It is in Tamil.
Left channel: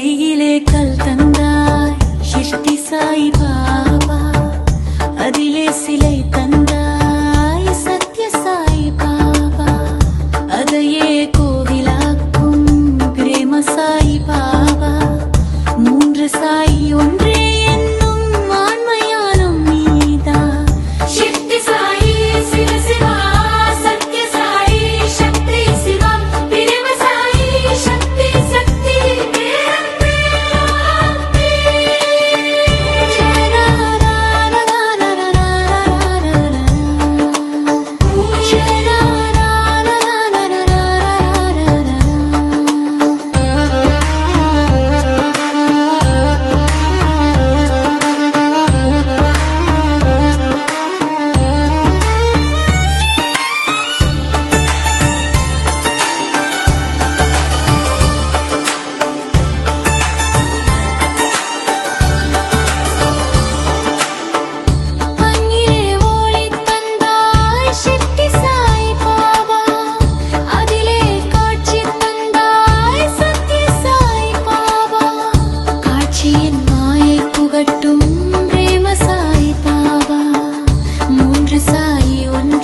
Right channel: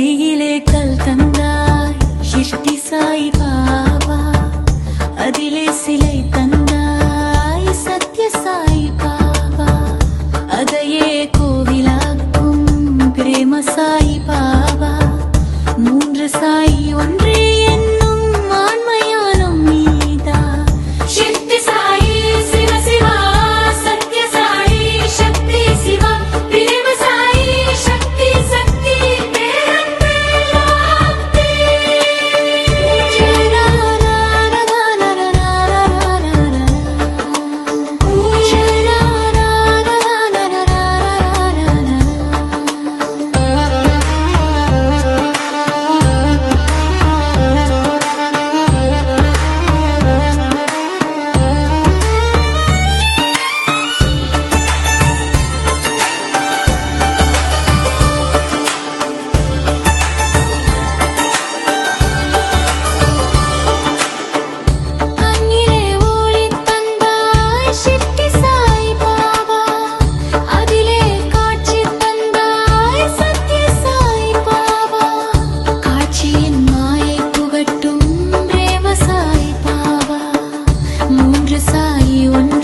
கையிலே கல் தந்தாய் ஷிஷ்டி சாய் பாபா. அதிலே சிலை தந்தாய் சத்ய சாய் பாபா. அதையே கோவிலாக்கும் பிரேம சாய் பாபா. மூன்று சாய் ஒன்றே புகட்டும் பிரேம சாய் பாபா மூன்று சாய் ஒன்று